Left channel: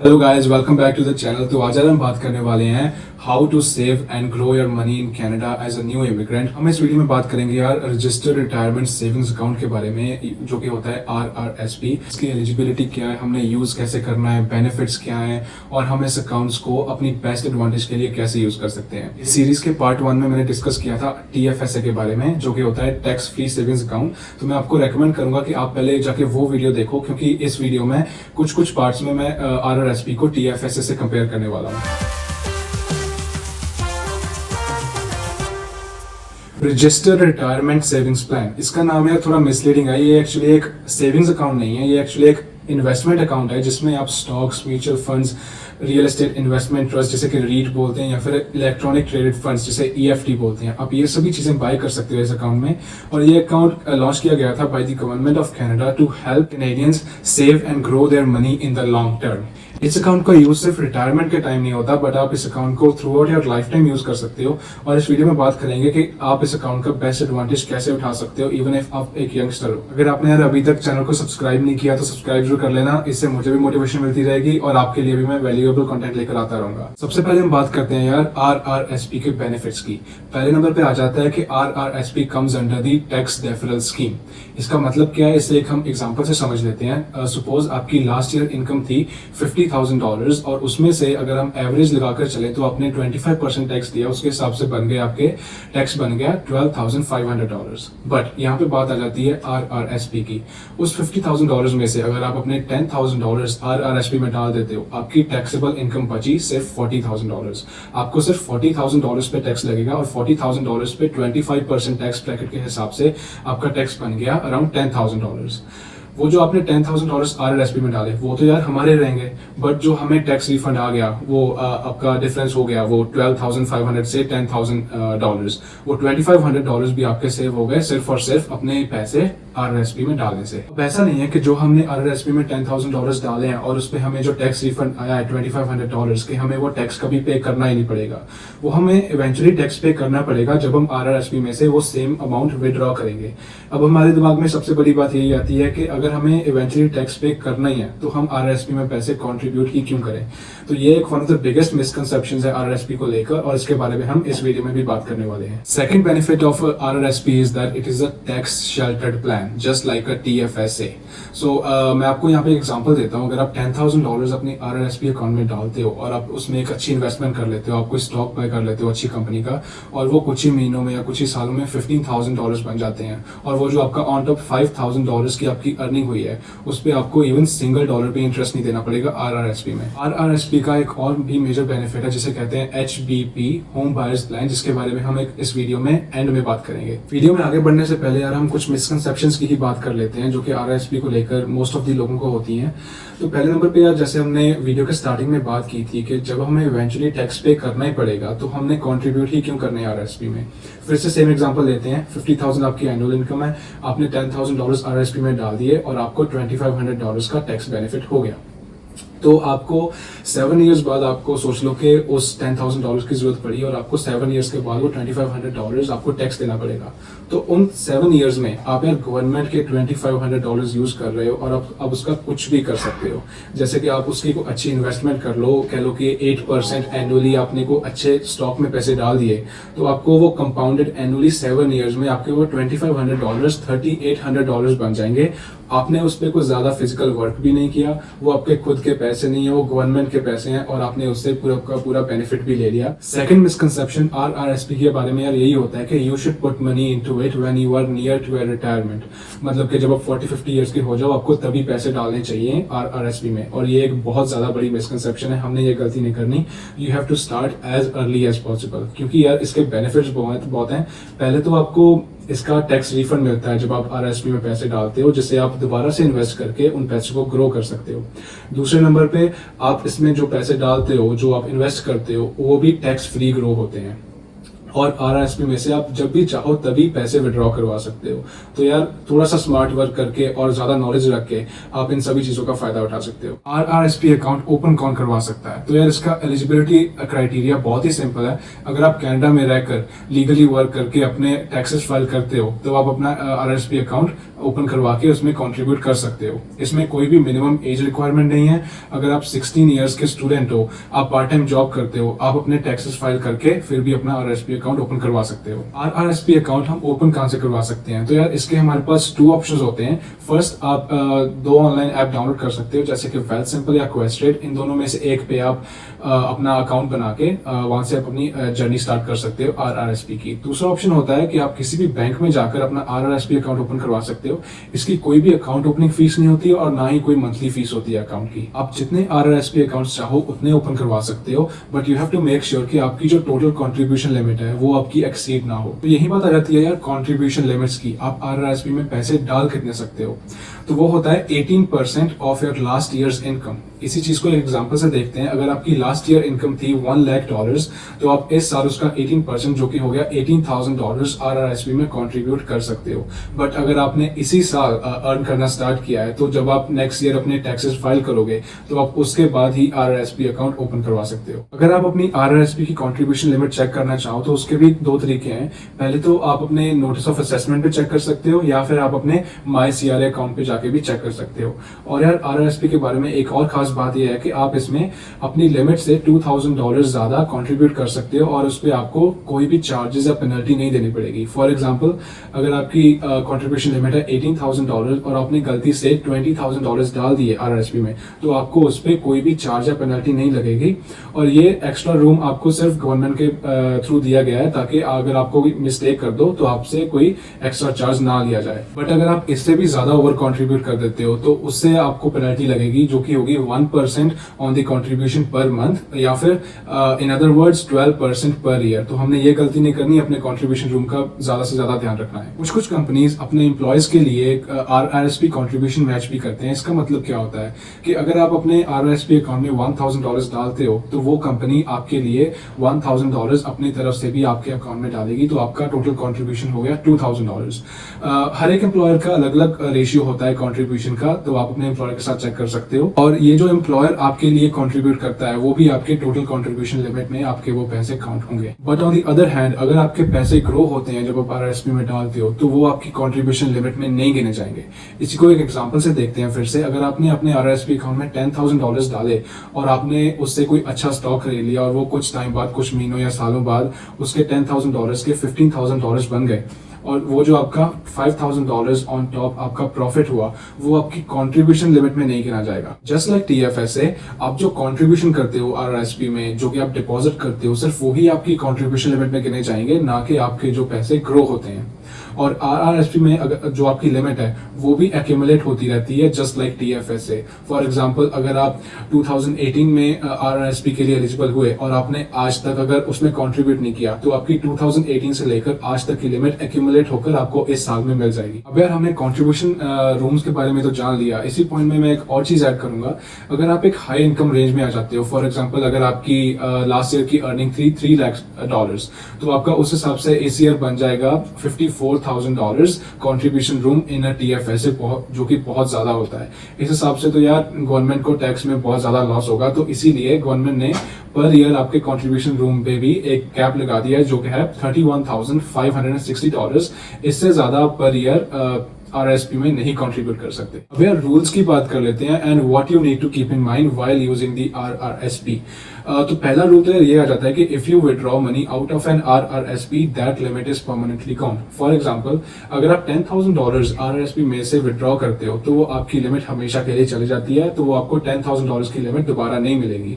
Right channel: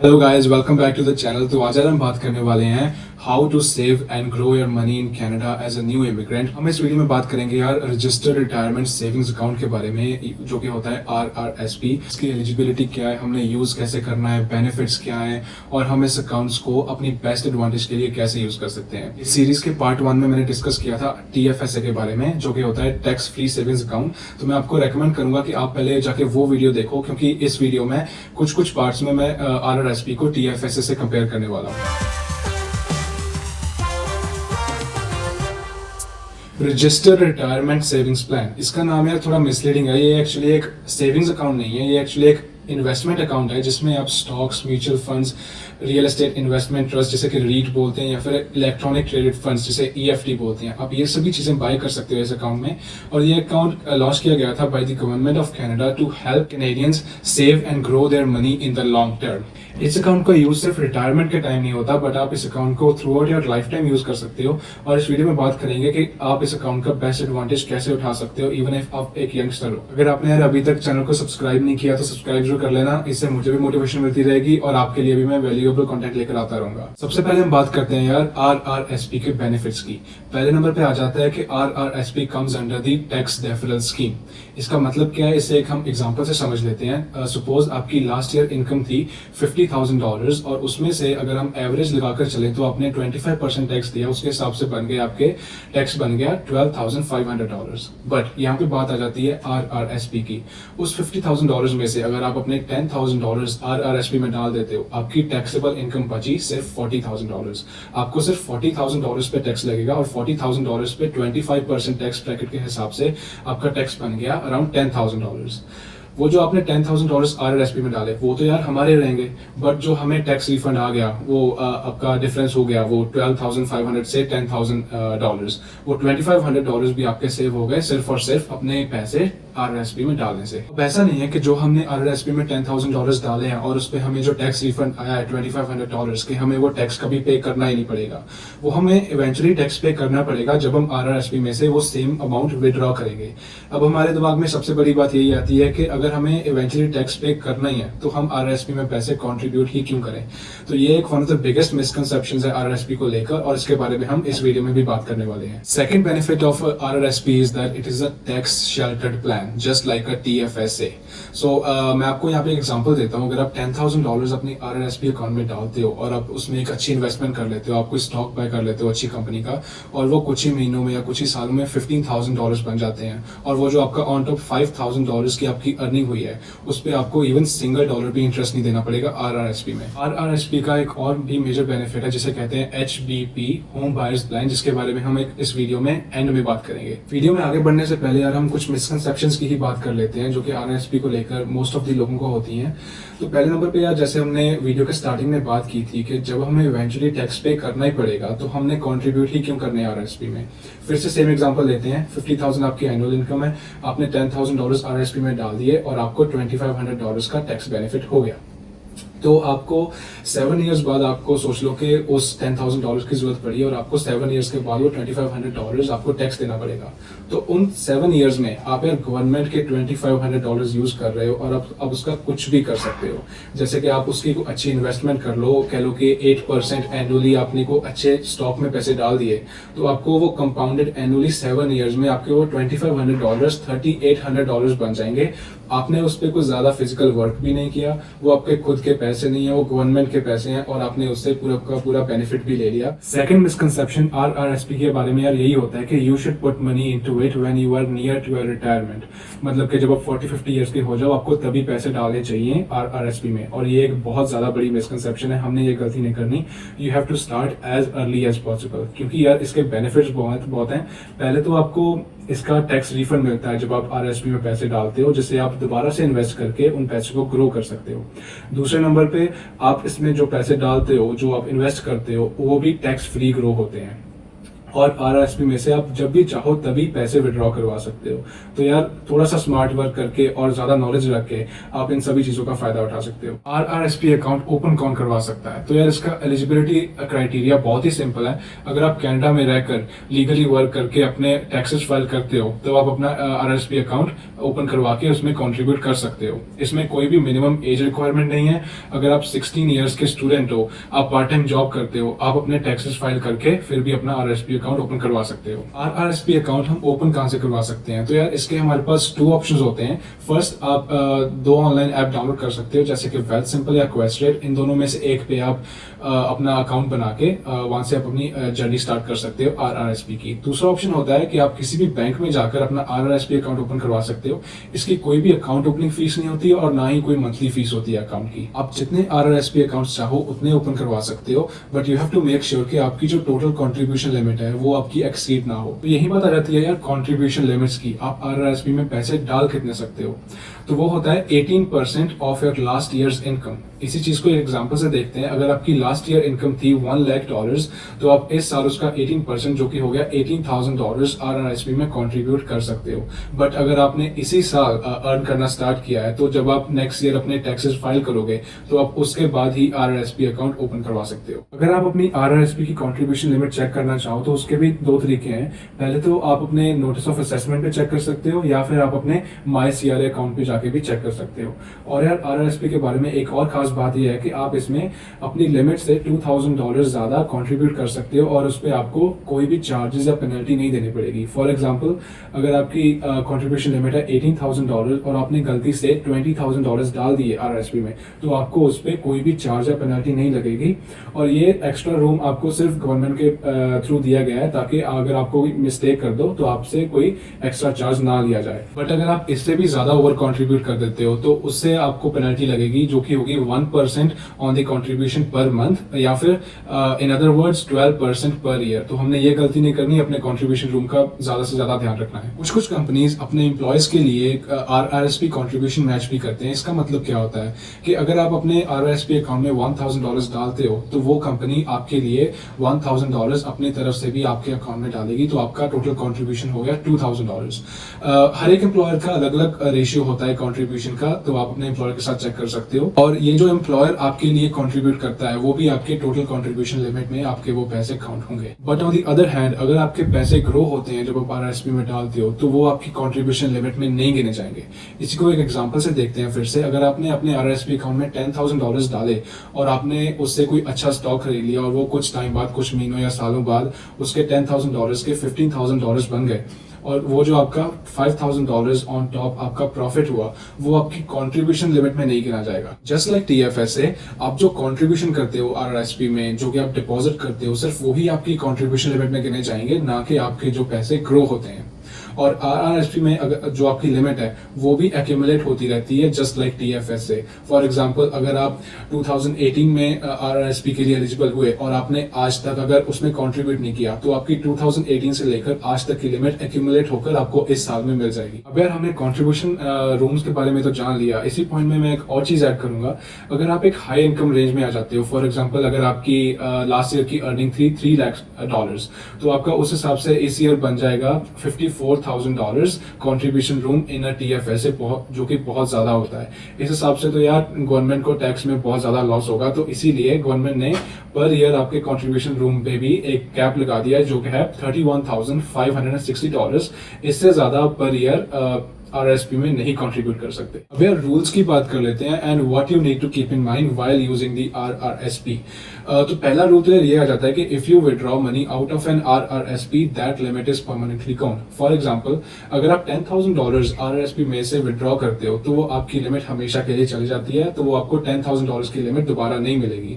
Hello guys, welcome back to the channel. तो आज हम बात करने वाले हैं how to save and grow your money in Canada as a new immigrant. हम इस वीडियो में बात करेंगे यार रजिस्टर्ड रिटायरमेंट सेविंग्स अकाउंट के बारे में, जो कि होता है RRSP। इसकी एलिजिबिलिटी क्या है, हमने यूज कैसे करना है, बेनिफिट्स क्या हैं और हम इस अकाउंट्स को अपनी बेस्ट एडवांटेज के लिए कैसे यूज कर सकते हैं। इस सीरीज के पार्ट 1 में मैंने डिस्कस किया था TFSA के बारे में, जो कि होता है टैक्स फ्री सेविंग्स अकाउंट। तो मैं आपको रेकमेंड करूंगा कि आप पहले जाके वो वीडियो देखो, क्योंकि इस वीडियो में कुछ पार्ट्स में मैं RRSP को TFSA से कंपेयर करने वाला हूँ। रजिस्टर्ड रिटायरमेंट सेविंग्स प्लान, इसका नाम है थोड़ा मिसलीडिंग है। ये एक्चुअली एक सेविंग्स अकाउंट नहीं है, ये एक्चुअली एक इन्वेस्टमेंट अकाउंट है जिसमें आप stocks, mutual funds, real estate investment trust जैसे कि रीट बोलते हैं, या फिर इलेक्ट्रॉनिक ट्रेडेड फंड्स जैसे EFT बोलते हैं, आप ये सभी चीजें बाय कर सकते हो इस अकाउंट में। और ये अकाउंट लॉन्च किया गया था by the government of Canada to help Canadians save and grow their money in the long term. इस अकाउंट का यूज सिर्फ रिटायरमेंट के टाइम नहीं होता, बट आप इस अकाउंट को throughout your lifetime use कर सकते हो। और इस वीडियो में बात करेंगे कि आप इस अकाउंट का बेस्ट एडवांटेज कैसे उठा सकते हो, इवन इफ आप एक यंगस्टर हो। अगर आपने यार अभी तक चैनल को सब्सक्राइब नहीं किया तो सब्सक्राइब जरूर कर लेना, इससे मुझे भी मोटिवेशन मिलती रहेगी और आपके लिए भी मैं वैल्यूएबल कंटेंट लेकर आता रहूंगा। सबसे पहले हम बात करते हैं यार RRSP के बेनिफिट्स की। पहले नंबर पे आ जाता है कि RRSP comes under the tax deferral scheme. इसका मतलब क्या है, इसे एक हम एग्जांपल से समझ लेते हैं। सपोज आपकी लास्ट ईयर इनकम थी $50,000 और उसमें से अगर हम एवरेज लगाकर चलें तो आपने 25% टैक्स दिया, उसके हिसाब से बन गए आपके टैक्स बन गया $12,500। बट यहाँ पे बात आ जाती है RRSP की। उस $50,000 में से अगर आप अपने $10,000 RRSP में डाल देते हो, आपकी टैक्सेबल इनकम बची सिर्फ $40,000। आपको सिर्फ $40,000 पे टैक्स लगेगा और $40,000 पे 25% टैक्स ब्रैकेट के हिसाब से आपका टैक्स बन गया अराउंड $10,000। वो जो आपने $10,000 RRSP में डाले वो तो यार हमारे रहेंगे, बट जो हमें टैक्स रिफंड आ गया वो आपका डिफरेंस हो गया, वो 12,500 से $10,000। वो $2,500 भी आपके सेव हो गए सिर्फ और सिर्फ अपने पैसे RRSP में डालने से। अब ऐसा नहीं है कि जो हमने RRSP में $10,000 डाले हैं और उस पर हमें जो टैक्स रिफंड आया है $2,500 के, हमें वो टैक्स कभी पे करना ही नहीं पड़ेगा। वो हमें इवेंचुअली टैक्स पे करना पड़ेगा जब हम RRSP में से वो सेम अमाउंट विड्रॉ करेंगे। अब हमारे दिमाग में सबसे बड़ी बात यही आती है कि अगर हमें इवेंचुअली टैक्स पे करना ही है तो हम RRSP में पैसे कंट्रीब्यूट ही क्यों करें। तो ये एक one of the biggest misconceptions है RRSP को लेकर, और इसके बारे में हम इस वीडियो में भी बात करने वाले हैं। Second benefit of RRSP is that it is a tax sheltered plan just like a TFSA। सो मैं आपको यहाँ पे एक एग्जांपल देता हूँ। अगर आप $10,000 अपनी RRSP अकाउंट में डालते हो और आप उसमें एक अच्छी इन्वेस्टमेंट कर लेते हो, आप कोई स्टॉक बाय कर लेते हो अच्छी कंपनी का, और वो कुछ ही महीनों में या कुछ ही सालों में $15,000 बन जाते हैं, और वो जो आपका ऑन टॉप $5,000 की आपकी अर्निंग हुई है उस पर आपको इवन सिंगल डॉलर भी इंटरेस्ट नहीं देना पड़ेगा RRSP में। RRSP का एक और भी मेजर बेनिफिट है जिसे कहते हैं HBP होम बायर्स प्लान, जिसके बारे में हम एक इस वीडियो में एंड में बात करेंगे। वीडियो में आगे बढ़ने से पहले यार हम कुछ मिसकंसेप्शंस की ही बात कर लेते हैं जो कि RRSP को लेकर मोस्ट ऑफ दी लोगों को होती हैं। तो पहले नंबर पे यार, जैसे हमने वीडियो के स्टार्टिंग में बात की थी कि जब हमें इवेंचुअली टैक्स पे करना ही पड़ेगा तो हमने कंट्रीब्यूट ही क्यों करना है RRSP में। फिर से सेम एग्जांपल लेते हैं। 50,000 आपकी एनुअल इनकम है, आपने $10,000 RRSP में डाल दिए और आपको $2,500 का टैक्स बेनिफिट हो गया। तो आपको 7 इयर्स बाद आपको सोच लो कि उस $10,000 की जरूरत पड़ी और आपको 7 इयर्स के बाद वो $2,500 आपको टैक्स देना पड़ेगा। तो उन 7 इयर्स में आप यार गवर्नमेंट के $2,500 यूज कर रहे हो और आप उसका कुछ भी कर सकते हो। जैसे कि आप उसकी कोई अच्छी इन्वेस्टमेंट कर लो, कह लो कि 8% एनुअली आपने को अच्छे स्टॉक में पैसे डाल दिए, तो आपको वो कंपाउंडेड एनुअली 7 इयर्स में आपके वो $2,500 $3,800 बन जाएंगे। आपने उस पर कुछ ज्यादा फिजिकल वर्क भी नहीं किया, वो आपके खुद के पैसे नहीं है, वो गवर्नमेंट के पैसे हैं और आपने उससे पूरा का पूरा बेनिफिट भी ले लिया। सेकंड मिसकंसेप्शन RRSP के बारे में यार यही होता है कि you should put money into it when you are near to your retirement. मतलब कि जब आप 40-50 इयर्स के हो जाओ आपको तभी पैसे डालने चाहिए RRSP में, और ये एक बहुत ज्यादा बड़ी मिसकंसेप्शन है। हमने ये गलती नहीं करनी। You have to start as early as possible, क्योंकि यार इसके बेनिफिट्स बहुत हैं। पहले तो आपको इसका टैक्स रिफंड मिलता है जब आप RRSP में पैसे डालते हो, जिससे आप दोबारा से इन्वेस्ट करके उन पैसों को ग्रो कर सकते हो। दूसरे नंबर पे आप इसमें जो पैसे डालते हो, जो आप इन्वेस्ट करते हो, वो भी टैक्स फ्री ग्रो होते हैं। और आरआरएसपी में से आप जब भी चाहो तभी पैसे विड्रॉ करवा सकते हो। तो यार थोड़ा सा स्मार्ट वर्क करके और ज़्यादा नॉलेज रख के आप इन सभी चीज़ों का फ़ायदा उठा सकते हो। आरआरएसपी अकाउंट ओपन कौन करवा सकता है? तो यार इसका एलिजिबिलिटी क्राइटेरिया बहुत ही सिंपल है। अगर आप कनाडा में रहकर लीगली वर्क करके अपने टैक्सेस फाइल करते हो तो आप अपना आरआरएसपी अकाउंट ओपन करवा के उसमें कॉन्ट्रीब्यूट कर सकते हो। इसमें कोई भी मिनिमम एज रिक्वायरमेंट नहीं है। अगर आप 16 ईयर्स के स्टूडेंट हो, आप पार्ट टाइम जॉब करते हो, आप अपने टैक्सेस फाइल करके फिर भी अपना आरआरएसपी अकाउंट ओपन करवा सकते हो। आरआरएसपी अकाउंट हम ओपन कहां से करवा सकते हैं? तो यार इसके हमारे पास 2 ऑप्शंस होते हैं। फर्स्ट, आप 2 ऑनलाइन ऐप डाउनलोड कर सकते हो, जैसे कि वेल्थ सिंपल या क्वेस्ट्रेट। इन दोनों में से एक पे आप अपना अकाउंट बना के वहां से आप अपनी जर्नी स्टार्ट कर सकते हो आरआरएसपी की। दूसरा ऑप्शन होता है कि आप किसी भी बैंक में जाकर अपना आरआरएसपी अकाउंट ओपन करवा सकते हो। इसकी कोई भी अकाउंट ओपनिंग फीस नहीं होती और ना ही कोई मंथली फीस होती है अकाउंट की। आप जितने आरआरएसपी अकाउंट्स चाहो उतने ओपन करवा सकते हो, but you have to make sure कि आपकी जो टोटल कंट्रीब्यूशन लिमिट है वो आपकी एक्सीड ना हो। तो यही बात आ जाती है यार कंट्रीब्यूशन लिमिट्स की। आप आरआरएसपी में पैसे डाल कितने सकते हो? तो वो होता है 18% of your last years income. इसी चीज को एक एग्जांपल से देखते हैं। अगर आपकी लास्ट ईयर इनकम थी $1 लाख, तो आप इस साल उसका 18% जो कि हो गया $18,000 आरआरएसपी में कंट्रीब्यूट कर सकते हो। बट अगर आपने इसी साल अर्न करना स्टार्ट किया है तो जब आप नेक्स्ट ईयर अपने टैक्सेस फाइल करोगे तो आप उसके बाद ही आरआरएसपी अकाउंट ओपन करवा सकते हो। अगर आप अपनी आरआरएसपी की कंट्रीब्यूशन लिमिट चेक करना चाहो तो उसके भी 2 तरीके हैं। पहले तो आप अपने नोटिस ऑफ असेसमेंट पे चेक कर सकते हो, या फिर आप अपने माई सीआरए अकाउंट पे जाके भी चेक कर सकते हो। और यार आरआरएसपी के बारे में एक और खास बात यह है कि आप इसमें अपनी लिमिट से $2,000 ज्यादा कंट्रीब्यूट कर सकते हो और उस पर आपको कोई भी चार्जेस या पेनल्टी नहीं देनी पड़ेगी। फॉर एग्जांपल, अगर आपकी कंट्रीब्यूशन लिमिट है $18,000 और आपने गलती से $20,000 डाल दिए आरआरएसपी में, तो आपको उस पर कोई भी चार्ज या पेनल्टी नहीं लगेगी। और ये एक्स्ट्रा रूम आपको सिर्फ गवर्नमेंट के थ्रू दिया गया है ताकि अगर आपको मिस्टेक कर दो तो आपसे कोई एक्स्ट्रा चार्ज ना लिया जाए। बट अगर आप इससे भी ज्यादा ओवर कंट्रीब्यूट कर देते हो तो उससे आपको पेनल्टी लगेगी, जो कि होगी 1% on the contribution per month, या फिर in other words 12% per year. तो हमने ये गलती नहीं करनी, अपने कंट्रीब्यूशन रूम का ज्यादा से ज्यादा ध्यान रखना है। कुछ कंपनीज अपने एम्प्लॉयज के लिए आरआरएसपी कंट्रीब्यूशन मैच भी करते हैं। इसका मतलब क्या होता है कि अगर आप अपने आरआरएसपी अकाउंट में $1,000 डालते हो तो वो कंपनी आपके लिए $1,000 अपनी तरफ से भी आपके अकाउंट में डालेगी, तो आपका टोटल कंट्रीब्यूशन हो गया $2,000। हर एक एम्प्लॉयर का अलग अलग रेशियो होता है कंट्रीब्यूशन का, तो आप अपने एम्प्लॉयर के साथ चेक कर सकते हो। और ये जो एम्प्लॉयर आपके लिए कंट्रीब्यूट करता है वो भी आपके टोटल कंट्रीब्यूशन लिमिट में आपके वो पैसे काउंट होंगे। But on the other hand, अगर आपके पैसे ग्रो होते हैं जब आप आरआरएसपी में डालते हो तो वो आपकी कंट्रीब्यूशन लिमिट में नहीं गिने जाएंगे। इसी को एक एग्जांपल से देखते हैं फिर से। अगर आपने अपने आरआरएसपी अकाउंट में $10,000 डाले और आपने उससे कोई अच्छा स्टॉक खरीद लिया और वो कुछ टाइम बाद, कुछ महीनों या सालों बाद उसके $10,000 के $15,000 बन गए, और वो जो आपका $5,000 ऑन टॉप आपका प्रॉफिट हुआ वो आपकी कंट्रीब्यूशन लिमिट में नहीं गिना जाएगा। जस्ट लाइक टीएफएसए, आप जो कंट्रीब्यूशन करते हो आरआरएसपी में, जो कि आप डिपॉजिट करते हो, सिर्फ वही आपकी कंट्रीब्यूशन लिमिट में गिने जाएंगे, ना कि आपके जो पैसे ग्रो होते हैं। और आरआरएसपी में अगर जो आपकी लिमिट है वो भी एक्यूमुलेट होती रहती है, जस्ट लाइक टीएफएसए। फॉर एग्जांपल, अगर आप 2018 में आरआरएसपी के लिए एलिजिबल हुए और आपने आज तक अगर उसमें कंट्रीब्यूट नहीं किया तो आपकी 2018 से लेकर आज तक की लिमिट एक्यूमुलेट होकर आपको इस साल में मिल जाएगी। अब यार हमने कंट्रीब्यूशन रूम्स के बारे में तो जान लिया, इसी पॉइंट में मैं एक और चीज ऐड करूंगा। अगर आप एक हाई इनकम रेंज में आ जाते हो, फॉर एग्जाम्पल अगर आपकी लास्ट ईयर की अर्निंग थी $3 लाख, तो आपका उस हिसाब से इस ईयर बन जाएगा $54,000 कंट्रीब्यूशन रूम इन अ टीएफएसए, जो कि बहुत ज्यादा होता है। इस हिसाब से तो यार गवर्नमेंट को टैक्स में बहुत ज्यादा लॉस होगा, तो इसीलिए गवर्नमेंट ने पर ईयर आपके कंट्रीब्यूशन रूम पे भी एक कैप लगा दिया है, जो कि है $31,560। इससे ज्यादा पर ईयर आरआरएसपी में नहीं कंट्रीब्यूट कर सकते। अब यार रूल्स की बात कर लेते हैं, and what you need to keep in mind while using the RRSP. तो पहला रूल तो ये आ जाता है कि if you withdraw money out of an RRSP that limit is permanently count. For example, अगर आप $10,000 आरआरएसपी में से विड्रॉ करते हो तो वो आपकी लिमिट हमेशा के लिए चली जाती है, तो वो आपको $10,000 की लिमिट दोबारा नहीं मिलेगी।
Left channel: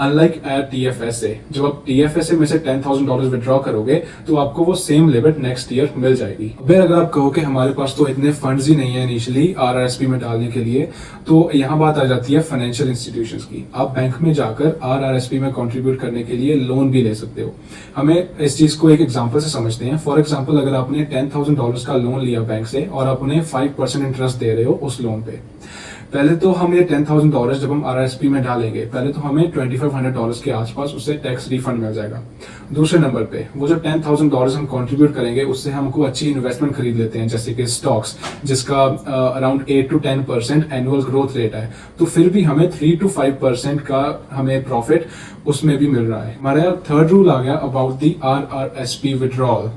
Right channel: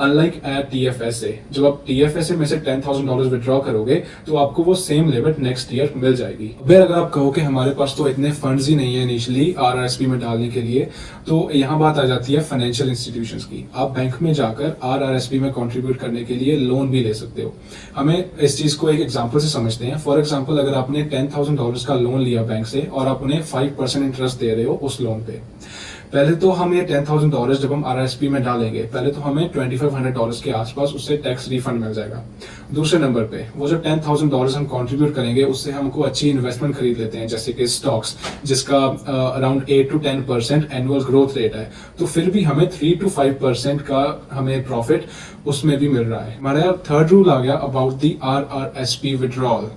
अनलाइक एट टीएफएसए, जब आप टीएफएसए में से $10,000 विड्रॉ करोगे तो आपको वो सेम लिमिट नेक्स्ट ईयर मिल जाएगी। अब अगर आप कहो कि हमारे पास तो इतने फंड्स ही नहीं है इनिशियली आरआरएसपी में डालने के लिए, तो यहाँ बात आ जाती है फाइनेंशियल इंस्टीट्यूशंस की। आप बैंक में जाकर आरआरएसपी में कंट्रीब्यूट करने के लिए लोन भी ले सकते हो। हमें इस चीज को एक एग्जांपल से समझते हैं। फॉर एग्जांपल, अगर आपने $10,000 का लोन लिया बैंक से और आप उन्हें 5% इंटरेस्ट दे रहे हो उस लोन पे, पहले तो हम ये $10,000 जब हम RRSP में डालेंगे, पहले तो हमें $2,500 के आसपास उससे टैक्स रिफंड मिल जाएगा। दूसरे नंबर पे वो जो $10,000 हम कंट्रीब्यूट करेंगे उससे हमको अच्छी इन्वेस्टमेंट खरीद लेते हैं, जैसे कि स्टॉक्स, जिसका around 8 to 10% annual growth rate है, तो फिर भी हमें 3 to 5% का हमें प्रॉफिट उसमें भी मिल रहा है। हमारा थर्ड रूल आ गया अबाउट दी RRSP विड्रॉल।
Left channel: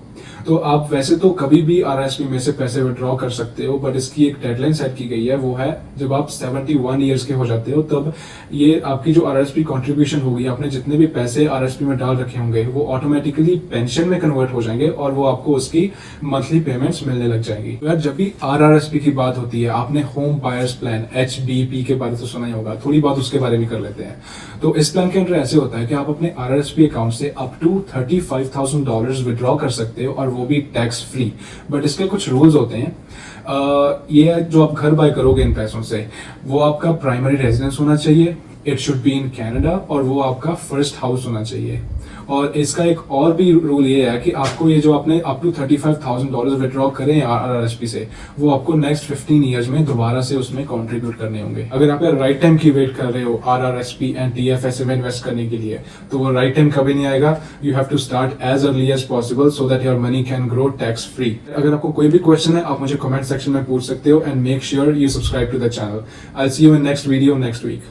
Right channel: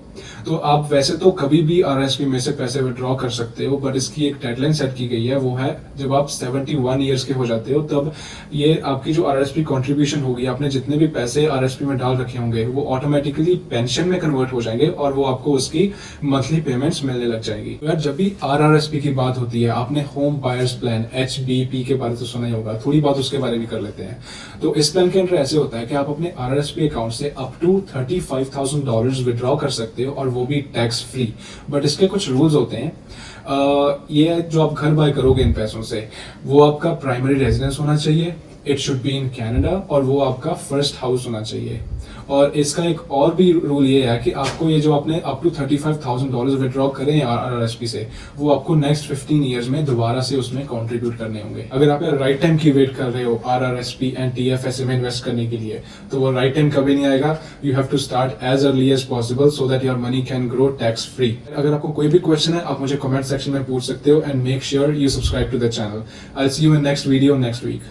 तो आप वैसे तो कभी भी RRSP में से पैसे विड्रॉ कर सकते हो, बट इसकी एक डेडलाइन सेट की गई है, वो है जब आप 71 ईयर्स के हो जाते हो, तब ये आपकी जो RRSP कंट्रीब्यूशन होगी, आपने जितने भी पैसे RRSP में डाल रखे होंगे वो ऑटोमेटिकली पेंशन में कन्वर्ट हो जाएंगे और वो आपको उसकी मंथली पेमेंट्स मिलने लग जाएगी। तो यार जब भी RRSP की बात होती है, आपने होम बायर्स प्लान HBP के बारे में तो सुना ही होगा, थोड़ी बात उसके बारे में कर लेते हैं। तो इस प्लान के अंदर ऐसे होता है कि आप अपने RRSP अकाउंट से अप टू $35,000 विड्रॉ कर सकते हो और वो भी टैक्स फ्री। बट इसके कुछ रूल्स होते हैं। ये जो आप घर बाय करोगे इन पैसों से, वो आपका प्राइमरी रेजिडेंस होना चाहिए, it should be in Canada, और वो आपका फर्स्ट हाउस होना चाहिए। और इसका एक और भी रूल ये है कि आपको ये जो आपने अप टू $35,000 विड्रॉ करें RRSP से, वो आपको नेक्स्ट 15 ईयर्स में दोबारा से उसमें कंट्रीब्यूट करने होंगे। अगर आप राइट टाइम की वेट कर रहे हो RRSP एंड TFSA में इन्वेस्ट करने के लिए, तो वो राइट टाइम कभी नहीं आएगा। You have to start as early as possible so that your money can grow tax free. अगर आपको कोई भी क्वेश्चन है, आप मुझे कमेंट सेक्शन में पूछ सकते हो, and make sure you subscribe to the channel. I will see you in next video next week.